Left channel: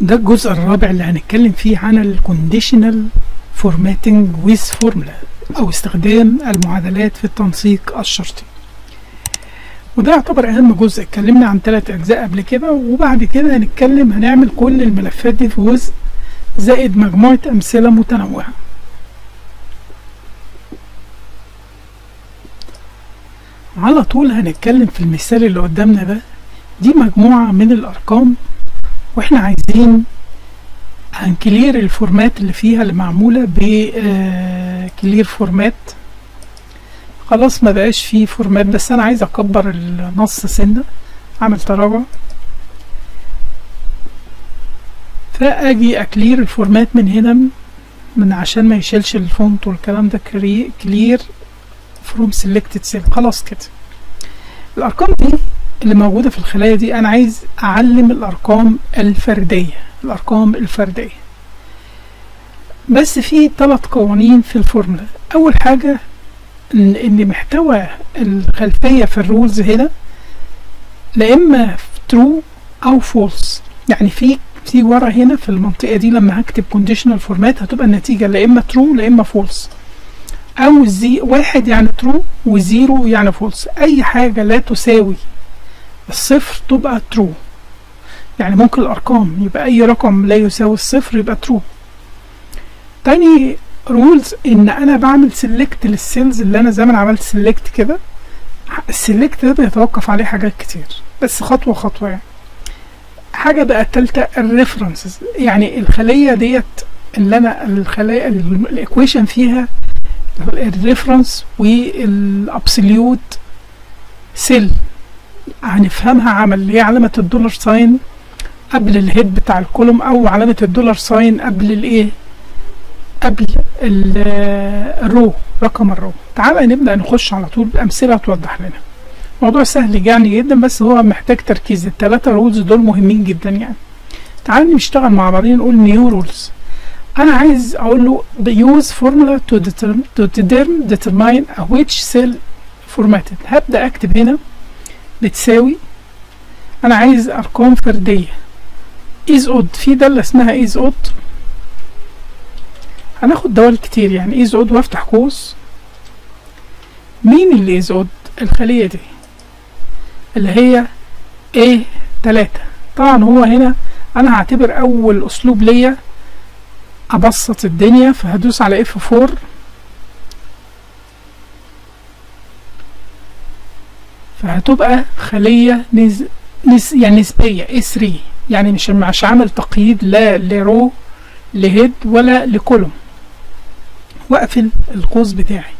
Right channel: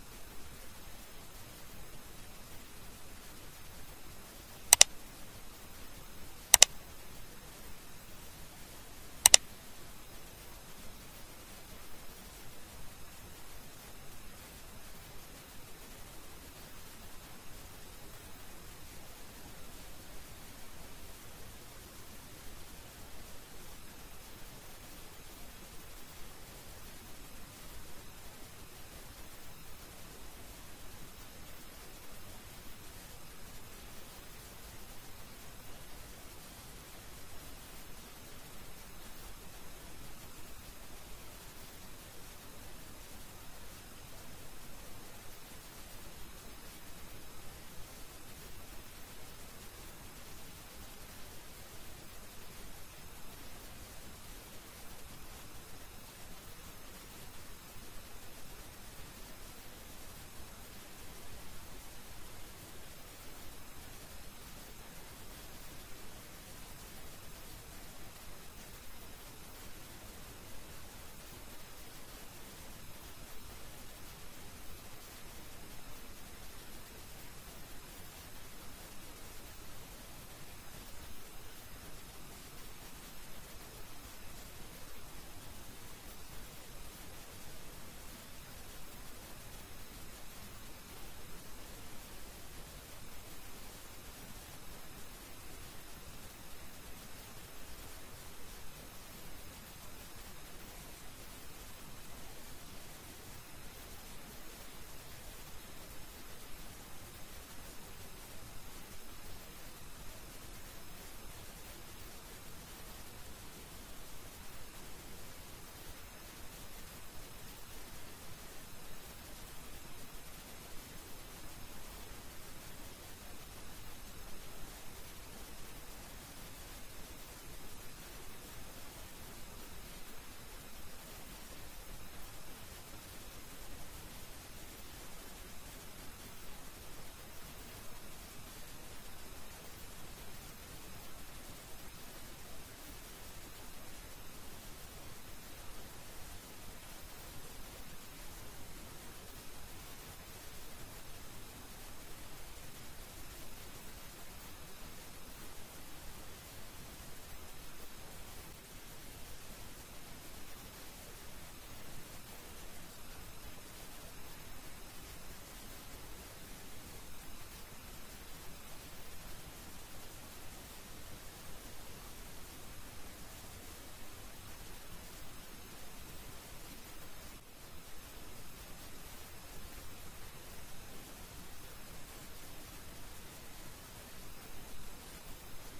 ده الجزء الرابع اللي هنتكلم فيه عن الكونديشنال فورماتنج ويز فورمولا او استخدام المعادلات في التنسيق الشرطي. وده يعتبر اهم جزء. اتكلمنا عن 3 اجزاء قبل كده، وبعد كده هنعمل كل الملفات دي في جزء زائد مجموعة امثلة متنوعة. على طول هنتكلم في المثال اللي قدامنا ده. دي مجموعة من الارقام، واحنا عايزين هنكلير الفورمات اللي فيها اللي معمولة بكلير فورمات. خلاص ما بقاش فيه فورمات، بس انا عايز اكبر النص سنة، اعمل تراجع، فاجي اكلير الفورمات من هنا من عشان ما يشيلش الفونت والكلام ده. كلير فروم سيلكتد سيل. خلاص كده الارقام دي اللي موجودة في الخلايا دي انا عايز اعلم الارقام الفردية. بس في 3 قوانين في الفورمولا. اول حاجة ان محتوى الخلفية في الرولز هنا لا اما true او false. يعني في ورا هنا في المنطقة دي لما هكتب conditional format هتبقى النتيجة لا اما true لا اما false، او 1 يعني true و0 يعني false. اي حاجة لا تساوي الصفر تبقى true. يعني ممكن الارقام يبقى اي رقم لا يساوي الصفر يبقى true. تاني رولز ان انا بعمل سيلكت للسيلز اللي انا زي ما انا عملت سيلكت كده. السيلكت ده بيتوقف عليه حاجات كتير، بس خطوة خطوة. يعني حاجة بقى التالتة الريفرنسز، يعني الخلية ديت اللي انا الخلية الايكويشن فيها الريفرنس والابسوليوت سيل هنفهمها عمل اللي هي علامة الدولار ساين قبل الهيد بتاع الكولوم، او علامة الدولار ساين قبل الايه، قبل الرو، رقم الرو. تعالى نبدأ نخش على طول بأمثلة توضح لنا. موضوع سهل يعني جدا، بس هو محتاج تركيز. ال3 رولز دول مهمين جدا. يعني تعالى نشتغل مع بعضين نقول نيو رولز. انا عايز اقول له use formula to determine which cell formatted. هبدأ اكتب هنا بتساوي، انا عايز ارقام فردية is odd. في دالة اسمها is odd، هناخد دوال كتير يعني is odd وافتح قوس. مين اللي is odd؟ الخلية دي اللي هي A3. طبعا هو هنا انا هعتبر اول اسلوب ليا ابسط الدنيا، فهدوس على F4 فهتبقى خلية يعني نسبية A3. يعني مش عامل تقييد لا لرو لهيد ولا لكولوم. واقفل القوس بتاعي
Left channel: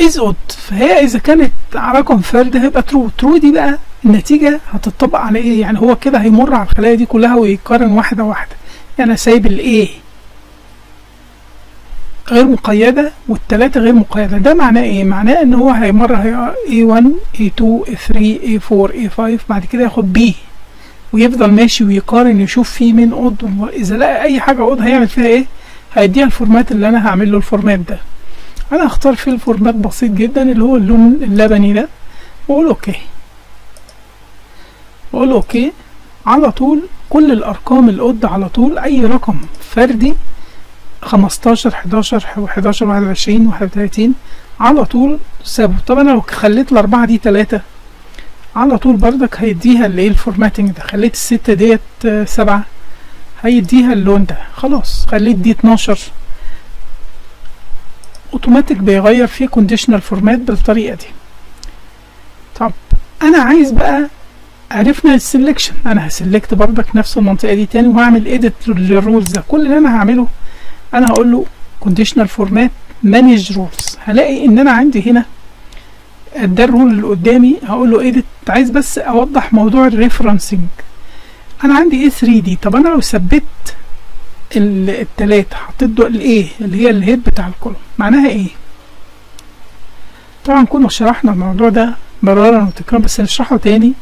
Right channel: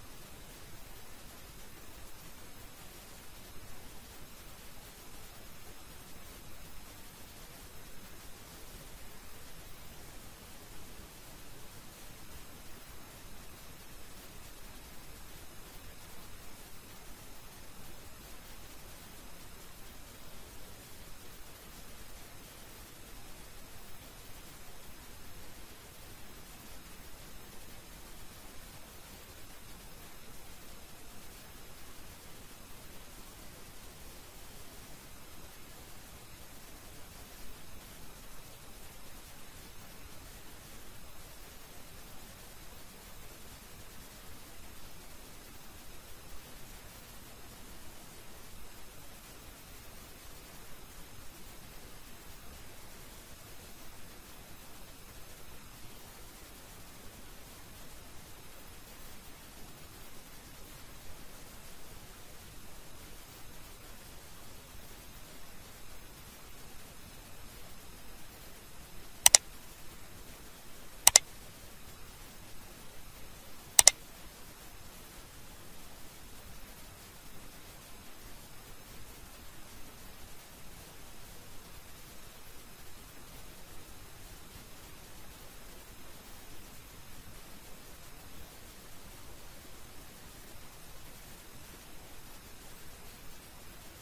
is odd. فهي اذا كانت رقم فرد هيبقى true. دي بقى النتيجة هتطبق على ايه؟ يعني هو كده هيمر على الخلايا دي كلها ويقارن واحدة واحدة. يعني سايب ال A غير مقيدة وال3 غير مقيدة. ده معناه ايه؟ معناه ان هو هيمر A1 A2 A3 A4 A5 بعد كده ياخد B ويفضل ماشي ويقارن يشوف فيه مين odd. اذا لقى اي حاجة odd هيعمل فيها ايه؟ هيديها الفورمات اللي انا هعمل له الفورمات ده. انا هختار فيه الفورمات بسيط جدا اللي هو اللون اللبني ده، واقول اوكي. على طول كل الارقام الاود على طول اي رقم فردي 15 11 11 21 31 على طول سابه. طب انا لو خليت ال4 دي 3 على طول بردك هيديها اللي ايه الفورماتنج ده. خليت ال6 ديت 7 هيديها اللون ده. خلاص خليت دي 12 اوتوماتيك بيغير فيه كونديشنال فورمات بالطريقه دي. طب انا عايز بقى، عرفنا السلكشن، انا هسلكت بردك نفس المنطقه دي تاني وهعمل ايديت للرولز ده. كل اللي انا هعمله انا هقول له كونديشنال فورمات مانج رولز. هلاقي ان انا عندي هنا ده الرول اللي قدامي، هقول له ايديت. عايز بس اوضح موضوع الريفرنسنج. انا عندي A3 دي. طب انا لو ثبت ال3 حطيت له الايه اللي هي الهيد بتاع الكولوم معناها ايه؟ طبعا كنا شرحنا الموضوع ده مرارا وتكرارا بس نشرحه تاني.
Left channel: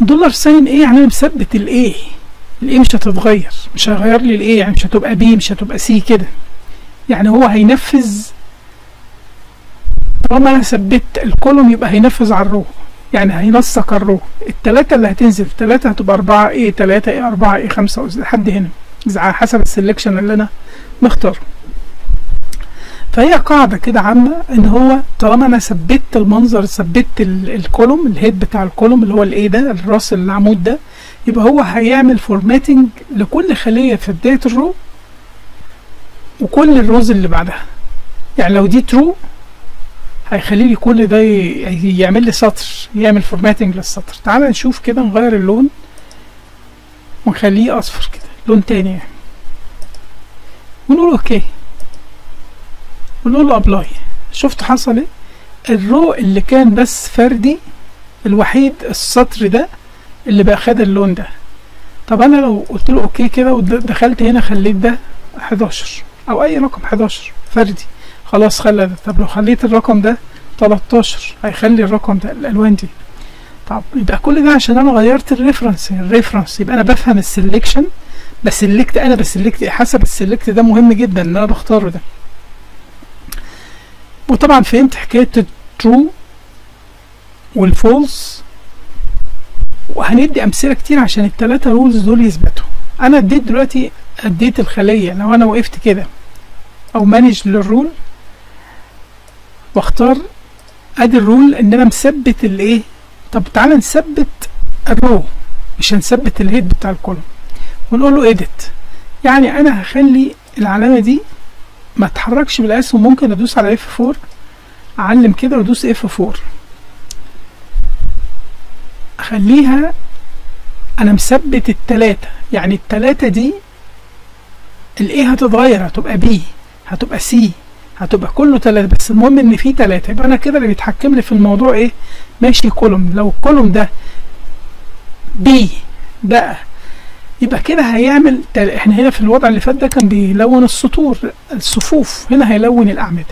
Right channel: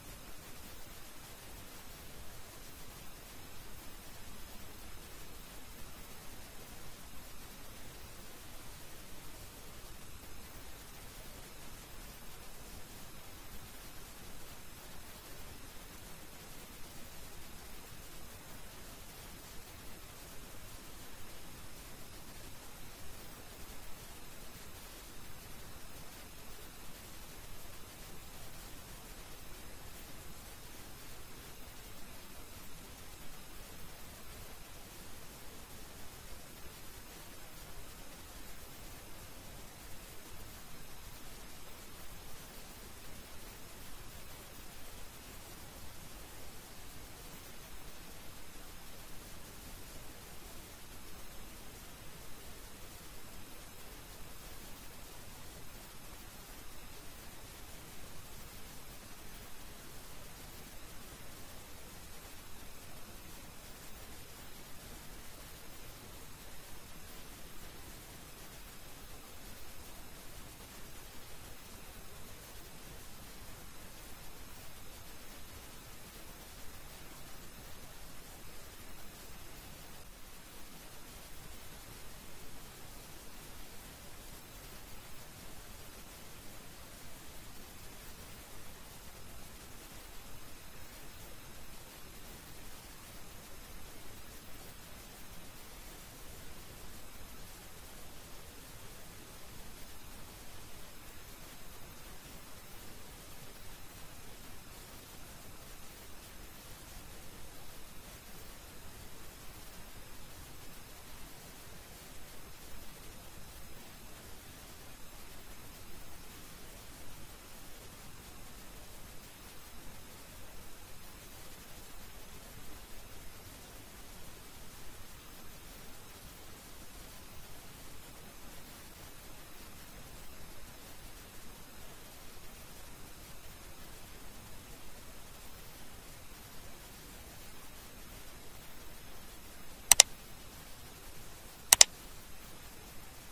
دولار ساين ايه؟ يعني انا مثبت الايه مش هتتغير، مش هيغير لي الايه. يعني مش هتبقى بي مش هتبقى سي كده. يعني هو هينفذ طالما انا ثبت الكولوم يبقى هينفذ على الرو. يعني هينسق الرو، التلاتة اللي هتنزل، التلاتة هتبقى 4 A 3 A 4 A 5 لحد هنا على حسب السلكشن اللي انا مختاره. فهي قاعدة كده عامة ان هو طالما انا ثبت المنظر، ثبت الكولوم، الهيد بتاع الكولوم اللي هو الايه ده، الراس العمود ده، يبقى هو هيعمل فورماتنج لكل خلية في بداية الرو وكل الروز اللي بعدها. يعني لو دي ترو هيخلي لي كل ده يعمل لي سطر، يعمل فورماتنج للسطر. تعال نشوف كده، نغير اللون ونخليه اصفر كده، لون تاني يعني، ونقول اوكي ونقول له ابلاي. شفت حصل ايه؟ الرو اللي كان بس فردي الوحيد السطر ده اللي بقى خد اللون ده. طب انا لو قلت له اوكي كده ودخلت هنا خليت ده 11 او اي رقم 11 فردي، خلاص خلى ده. طب لو خليت الرقم ده 13 هيخلي الرقم ده الالوان دي. طب يبقى كل ده عشان انا غيرت الريفرنس. يبقى انا بفهم السلكشن، بسلكت، انا بسلكت حسب السلكت ده، مهم جدا ان انا بختاره ده. وطبعا فهمت حكايه الترو والفولس، وهندي امثله كتير عشان الثلاثه رولز دول يثبتوا. انا اديت دلوقتي، اديت الخليه، لو انا وقفت كده او مانج للرول واختار ادي الرول ان انا مثبت الايه. طب تعالى نثبت الرو، مش هنثبت الهيد بتاع الكولوم، ونقول له اديت. يعني انا هخلي العلامه دي ما تتحركش بالاسهم، ممكن ادوس على F4 اعلم كده وادوس F4 اخليها انا مثبت التلاتة. يعني التلاتة دي الايه هتتغير، هتبقى B، هتبقى C، هتبقى كله تلاتة، بس المهم ان في تلاتة. يبقى انا كده اللي بيتحكم لي في الموضوع ايه؟ ماشي كولوم. لو الكولوم ده B بقى يبقى كده هيعمل احنا هنا في الوضع اللي فات ده كان بيلون السطور الصفوف، هنا هيلون الاعمده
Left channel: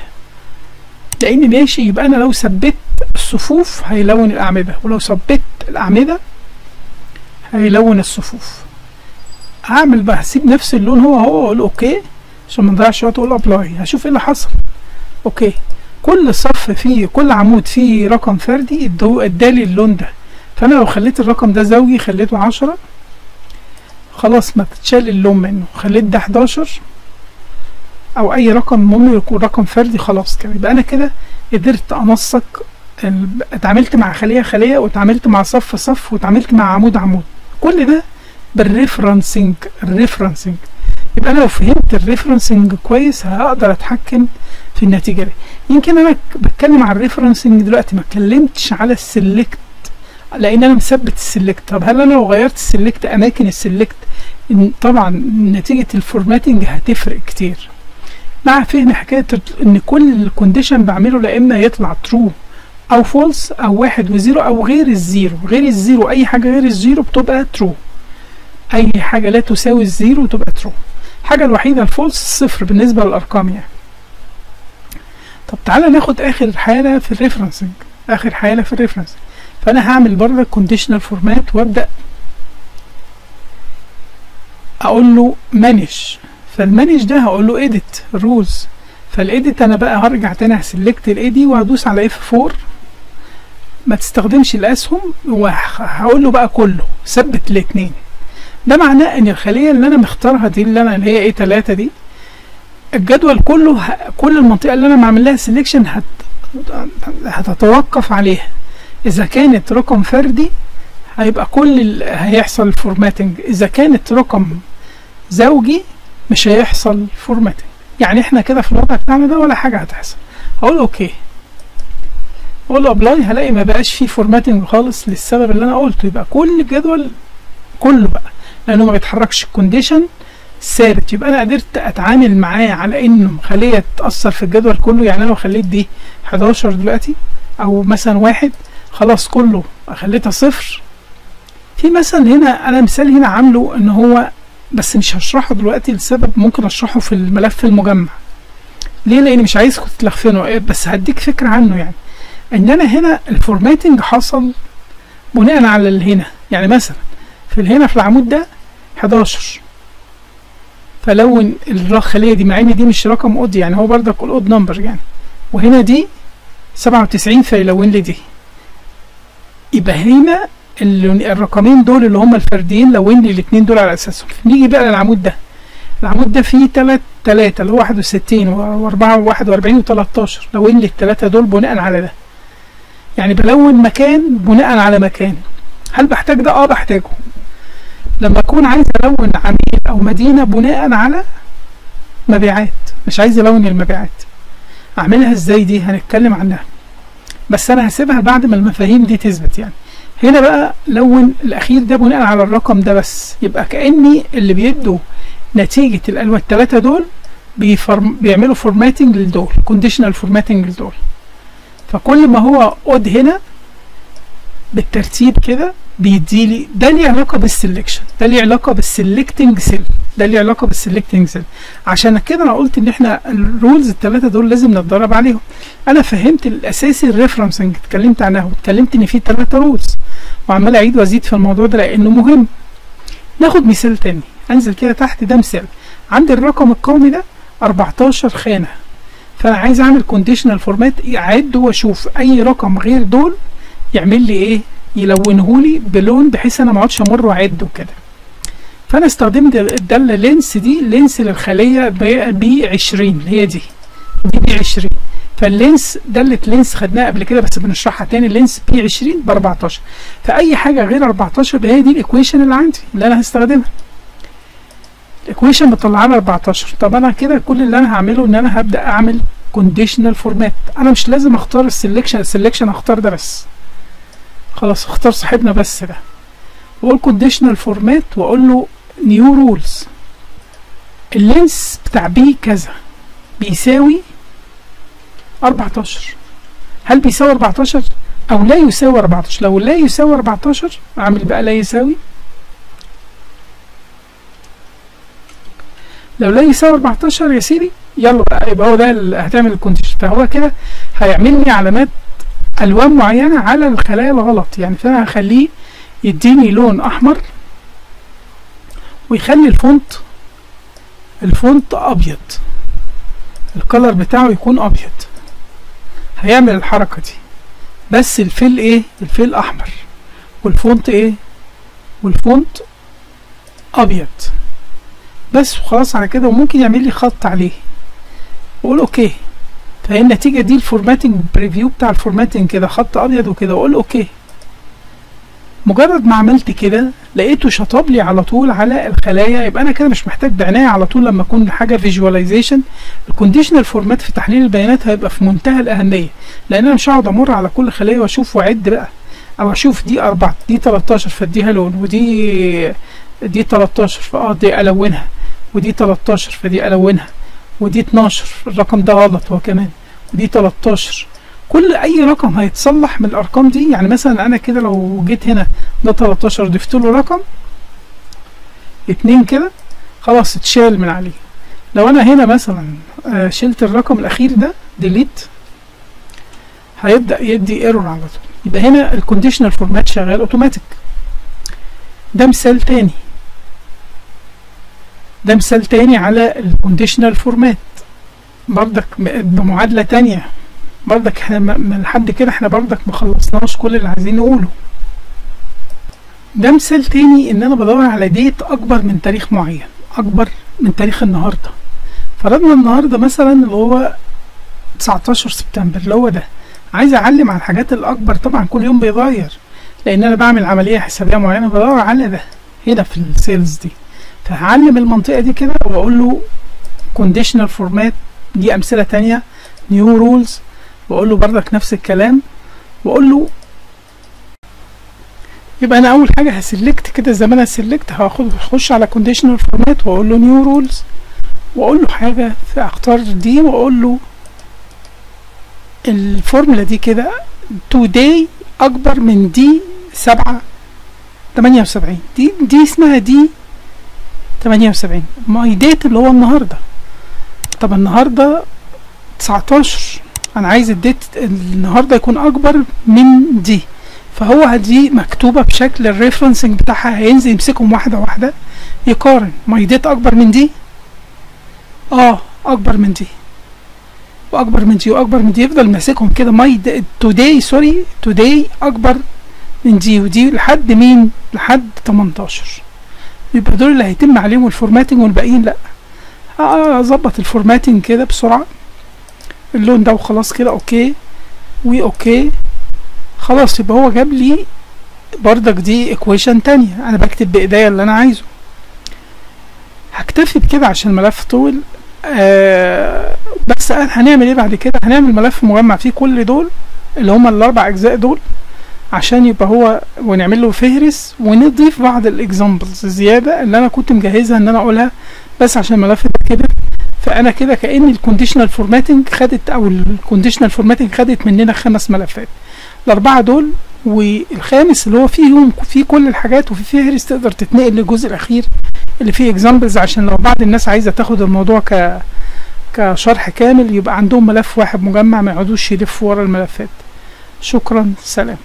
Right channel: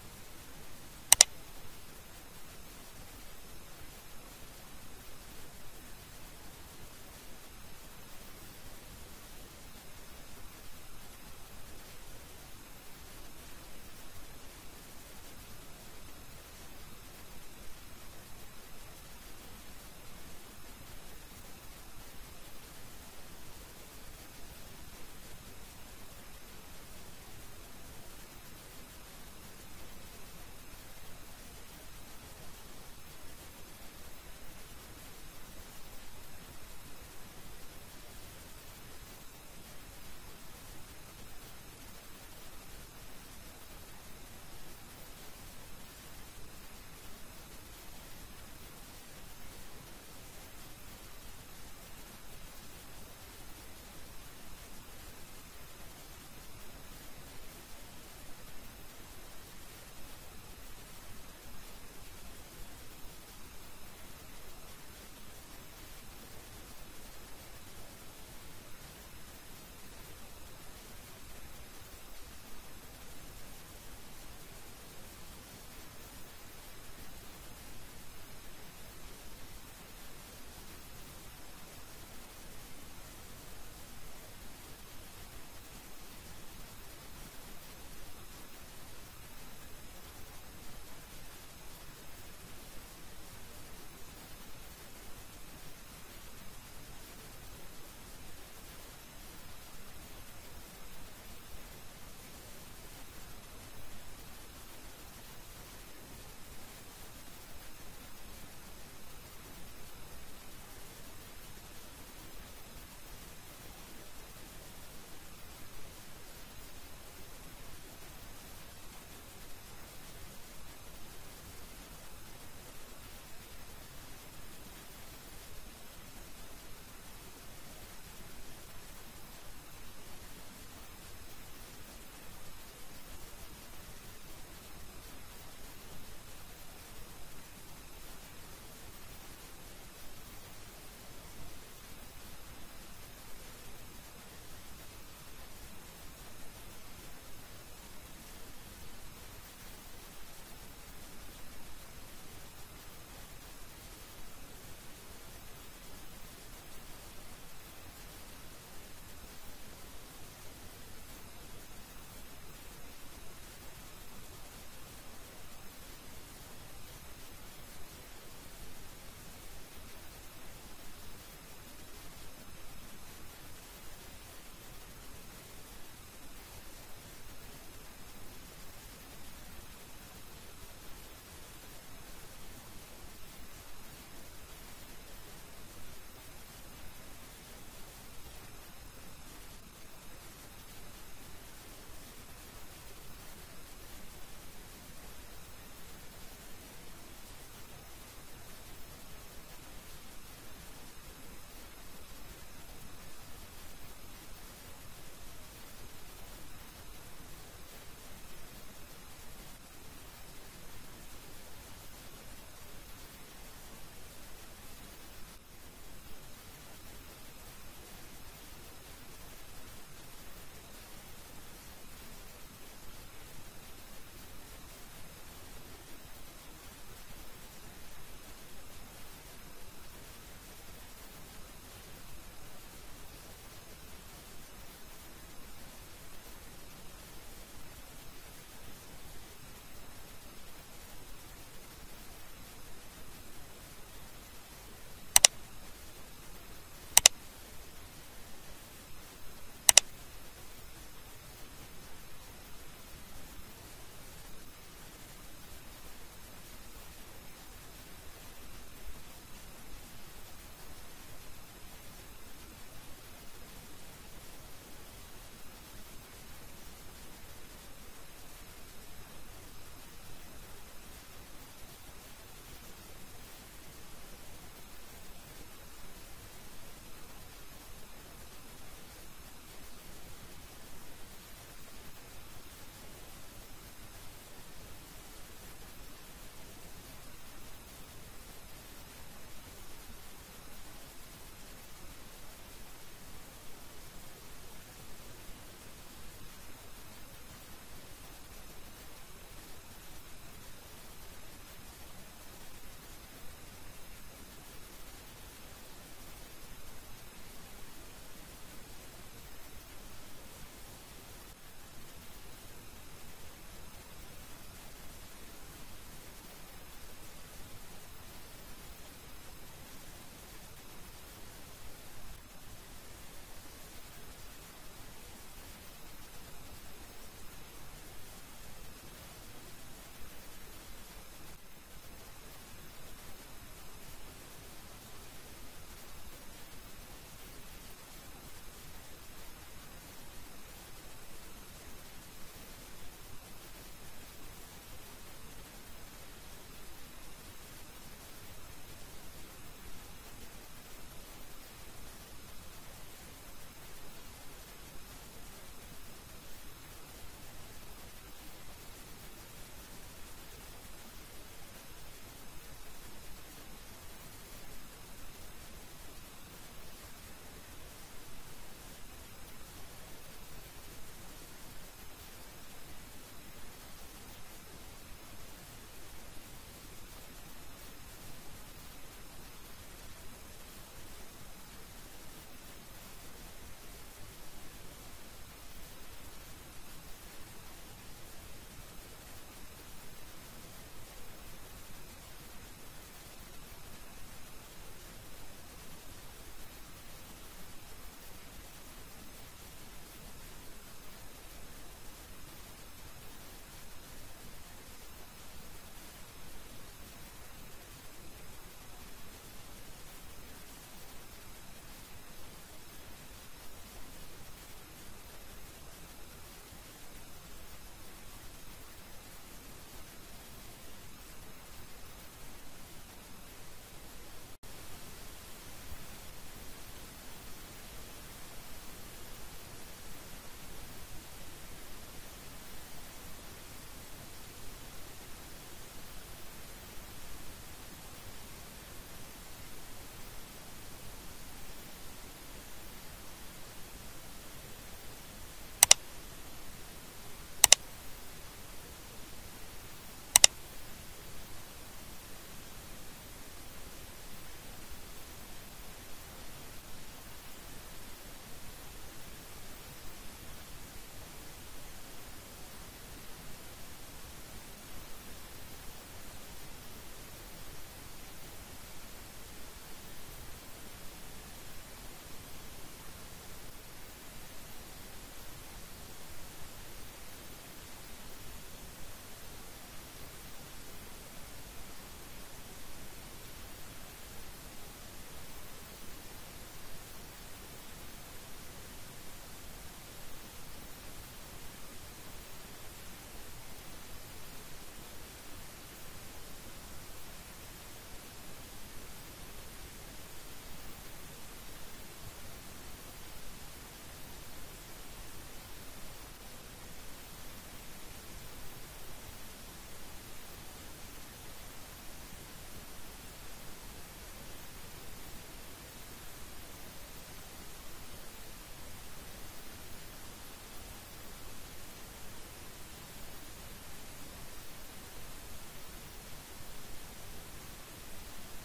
لان ماشي. يبقى انا لو ثبت الصفوف هيلون الاعمده، ولو ثبت الاعمده هيلون الصفوف. هعمل بقى، هسيب نفس اللون هو واقول اوكي عشان ما نضيعش وقت، اقول ابلاي. هشوف ايه اللي حصل. اوكي، كل صف فيه، كل عمود فيه رقم فردي ادالي اللون ده. فانا لو خليت الرقم ده زوجي، خليته 10 خلاص ما تتشال اللون منه، خليت ده 11 او اي رقم المهم يكون رقم فردي، خلاص كده. يبقى انا كده قدرت انسق، اتعاملت مع خلية واتعاملت مع صف واتعاملت مع عمود. كل ده بالريفرنسنج. يبقى انا لو فهمت الريفرنسنج كويس هقدر اتحكم في النتيجة دي. يمكن انا بتكلم على الريفرنسنج دلوقتي، ما اتكلمتش على السلكت لان انا مثبت السلكت. طب هل انا لو غيرت السلكت، اماكن السلكت، طبعا نتيجة الفورماتنج هتفرق كتير. مع فهم حكاية ان كل الكونديشن بعمله لا اما يطلع ترو او فولس او 1 و0 او غير الزيرو. اي حاجة غير الزيرو بتبقى ترو، اي حاجة لا تساوي الزيرو تبقى ترو. الحاجة الوحيدة الفولس الصفر بالنسبة للارقام يعني. طب تعالى ناخد اخر حالة في الريفرنسنج. فانا هعمل برضه كونديشنال فورمات وابدا اقول له مانج. فالمانج ده هقول له اديت رولز. فالاديت انا بقى هرجع تاني هسلكت الايدي وهدوس على F4، ما تستخدمش الاسهم، وهقول له بقى كله ثبت الاثنين. ده معناه ان الخليه اللي انا مختارها دي اللي هي ايه 3 دي، الجدول كله كل المنطقه اللي انا معمل لها سيلكشن هتتوقف عليها. اذا كانت رقم فردي هيبقى هيحصل فورماتنج، اذا كانت رقم زوجي مش هيحصل فورماتنج. يعني احنا كده في الوضع بتاعنا ده ولا حاجه هتحصل. هقول اوكي، اقول له ابلاي، هلاقي ما بقاش فيه فورماتنج خالص للسبب اللي انا قلته. يبقى كل الجدول كله بقى لانه ما بيتحركش، الكونديشن ثابت. يبقى انا قدرت اتعامل معاه على انه خليه تاثر في الجدول كله. يعني انا لو خليت دي 11 دلوقتي او مثلا 1، خلاص كله خليتها 0. في مثلا هنا انا مثال هنا عامله ان هو، بس مش هشرحه دلوقتي لسبب ممكن اشرحه في الملف المجمع. ليه؟ لان مش عايزكم تتلخفنوا، بس هديك فكره عنه. يعني ان انا هنا الفورماتنج حصل بناء على اللي هنا. يعني مثلا هنا في العمود ده 11، فلون الخليه دي، مع ان دي مش رقم اود، يعني هو برضك الاود نمبر يعني، وهنا دي 97 فيلون لي دي. يبقى هنا الرقمين دول اللي هم الفرديين لون لي الاتنين دول على اساسهم. نيجي بقى للعمود ده. العمود ده فيه تلاتة اللي هو 61 و41 و13، لون لي التلاتة دول بناء على ده. يعني بلون مكان بناء على مكان. هل بحتاج ده؟ بحتاجه. لما اكون عايز الون عميل او مدينة بناء على مبيعات، مش عايز الون المبيعات، اعملها ازاي؟ دي هنتكلم عنها، بس انا هسيبها بعد ما المفاهيم دي تثبت. يعني هنا بقى لون الاخير ده بناء على الرقم ده بس، يبقى كأني اللي بيدوا نتيجة الالوان التلاتة دول بيعملوا فورماتنج لدول، كونديشنال فورماتنج لدول. فكل ما هو اود هنا بالترتيب كده بيديلي ده ليه علاقة بالسلكشن، ده ليه علاقة بالسلكتنج سيل، ده ليه علاقة بالسلكتنج سيل. عشان كده انا قلت ان احنا الرولز الثلاثة دول لازم نتدرب عليهم. انا فهمت الاساسي الريفرنسنج، اتكلمت عنها واتكلمت ان في 3 رولز، وعمال اعيد وازيد في الموضوع ده لانه مهم. ناخد مثال تاني، انزل كده تحت، ده مثال. عندي الرقم القومي ده 14 خانة، فانا عايز اعمل كونديشنال فورمات، اعد واشوف اي رقم غير دول يعمل لي ايه، يلونهولي بلون بحيث انا ما اقعدش امر واعد وكده. فانا استخدمت الداله لينس دي، لينس للخليه ب 20 اللي هي دي ب 20. فاللينس داله لينس خدناها قبل كده بس بنشرحها تاني، اللينس ب 20 ب 14. فاي حاجه غير 14 هي دي الايكويشن اللي عندي اللي انا هستخدمها. الايكويشن مطلعه لي 14. طب انا كده كل اللي انا هعمله ان انا هبدا اعمل كونديشنال فورمات. انا مش لازم اختار السلكشن هختار ده بس، خلاص اختار صاحبنا بس ده، واقول كونديشنال فورمات واقول له نيو رولز. اللينس بتاع بي كذا بيساوي 14. هل بيساوي 14 او لا يساوي 14؟ لو لا يساوي 14 اعمل بقى لا يساوي. لو لا يساوي 14 يا سيدي يلا بقى، يبقى هو ده اللي هتعمل الكونديشن. فهو كده هيعمل لي علامات الوان معينه على الخلايا الغلط. يعني فانا هخليه يديني لون احمر ويخلي الفونت ابيض، الكلر بتاعه يكون ابيض. هيعمل الحركه دي بس الفيل ايه؟ الفيل احمر والفونت ايه؟ والفونت ابيض بس، وخلاص على كده. وممكن يعمل لي خط عليه واقول اوكي. فهي النتيجه دي الفورماتنج بريفيو بتاع الفورماتنج كده، خط ابيض وكده، واقول اوكي. مجرد ما عملت كده لقيته شطب لي على طول على الخلايا. يبقى انا كده مش محتاج بعناية على طول لما اكون حاجه فيجواليزيشن. الكونديشنال فورمات في تحليل البيانات هيبقى في منتهى الاهميه، لان انا مش هقعد امر على كل خليه واشوف واعد بقى، او اشوف دي 4 دي 13 فاديها لون، ودي 13 دي الونها، ودي 13 فدي الونها، ودي 12 الرقم ده غلط هو كمان، ودي 13. كل اي رقم هيتصلح من الارقام دي. يعني مثلا انا كده لو جيت هنا ده 13 ضفت له رقم 2 كده خلاص اتشال من عليه. لو انا هنا مثلا شلت الرقم الاخير ده ديليت هيبدا يدي ايرور على طول. يبقى هنا الكونديشنال فورمات شغال اوتوماتيك. ده مثال تاني، ده مثال تاني على الكونديشنال فورمات برضك بمعادله تانيه. برضك احنا لحد كده احنا برضك مخلصناش كل اللي عايزين نقوله. ده مثال تاني ان انا بدور على ديت اكبر من تاريخ معين، اكبر من تاريخ النهارده. فرضنا النهارده مثلا اللي هو 19 سبتمبر اللي هو ده، عايز اعلم على الحاجات الاكبر. طبعا كل يوم بيتغير لان انا بعمل عمليه حسابيه معينه، بدور على ده هنا في السيلز دي. فهعلم المنطقه دي كده واقول له كونديشنال فورمات. دي امثله تانيه، نيو رولز، واقول له بردك نفس الكلام، واقول له يبقى انا اول حاجه هسلكت كده زي ما انا سلكت، هخش على كونديشنال فورمات واقول له نيو رولز، واقول له حاجه اختار دي، واقول له الفورمولا دي كده today اكبر من دي 78. دي اسمها دي 78 ماي ديت اللي هو النهارده. طب النهارده 19، انا عايز الديت النهارده يكون اكبر من دي. فهو دي مكتوبه بشكل الريفرنسنج بتاعها، هينزل يمسكهم واحده واحده يقارن ماي ديت اكبر من دي، اكبر من دي واكبر من دي واكبر من دي، يفضل ماسكهم كده. ماي توداي اكبر من دي ودي لحد مين؟ لحد 18. يبقى دول اللي هيتم عليهم الفورماتنج والباقيين لا. اظبط الفورماتنج كده بسرعة، اللون ده وخلاص كده، اوكي واوكي خلاص. يبقى هو جاب لي بردك دي ايكويشن تانية، انا بكتب بايديا اللي انا عايزه. هكتفي بكده عشان الملف طول. بس هنعمل ايه بعد كده؟ هنعمل ملف مجمع فيه كل دول اللي هما الاربع اجزاء دول، عشان يبقى هو، ونعمل له فهرس ونضيف بعض الاكزامبلز الزياده اللي انا كنت مجهزها ان انا اقولها، بس عشان الملف ده كبر. فانا كده كأن الكونديشنال فورماتنج خدت، او الكونديشنال فورماتنج خدت مننا 5 ملفات، الاربعه دول والخامس اللي هو فيه كل الحاجات وفي فهرس تقدر تتنقل للجزء الاخير اللي فيه اكزامبلز، عشان لو بعض الناس عايزه تاخد الموضوع كشرح كامل يبقى عندهم ملف واحد مجمع، ما يقعدوش يلفوا ورا الملفات. شكرا، سلام.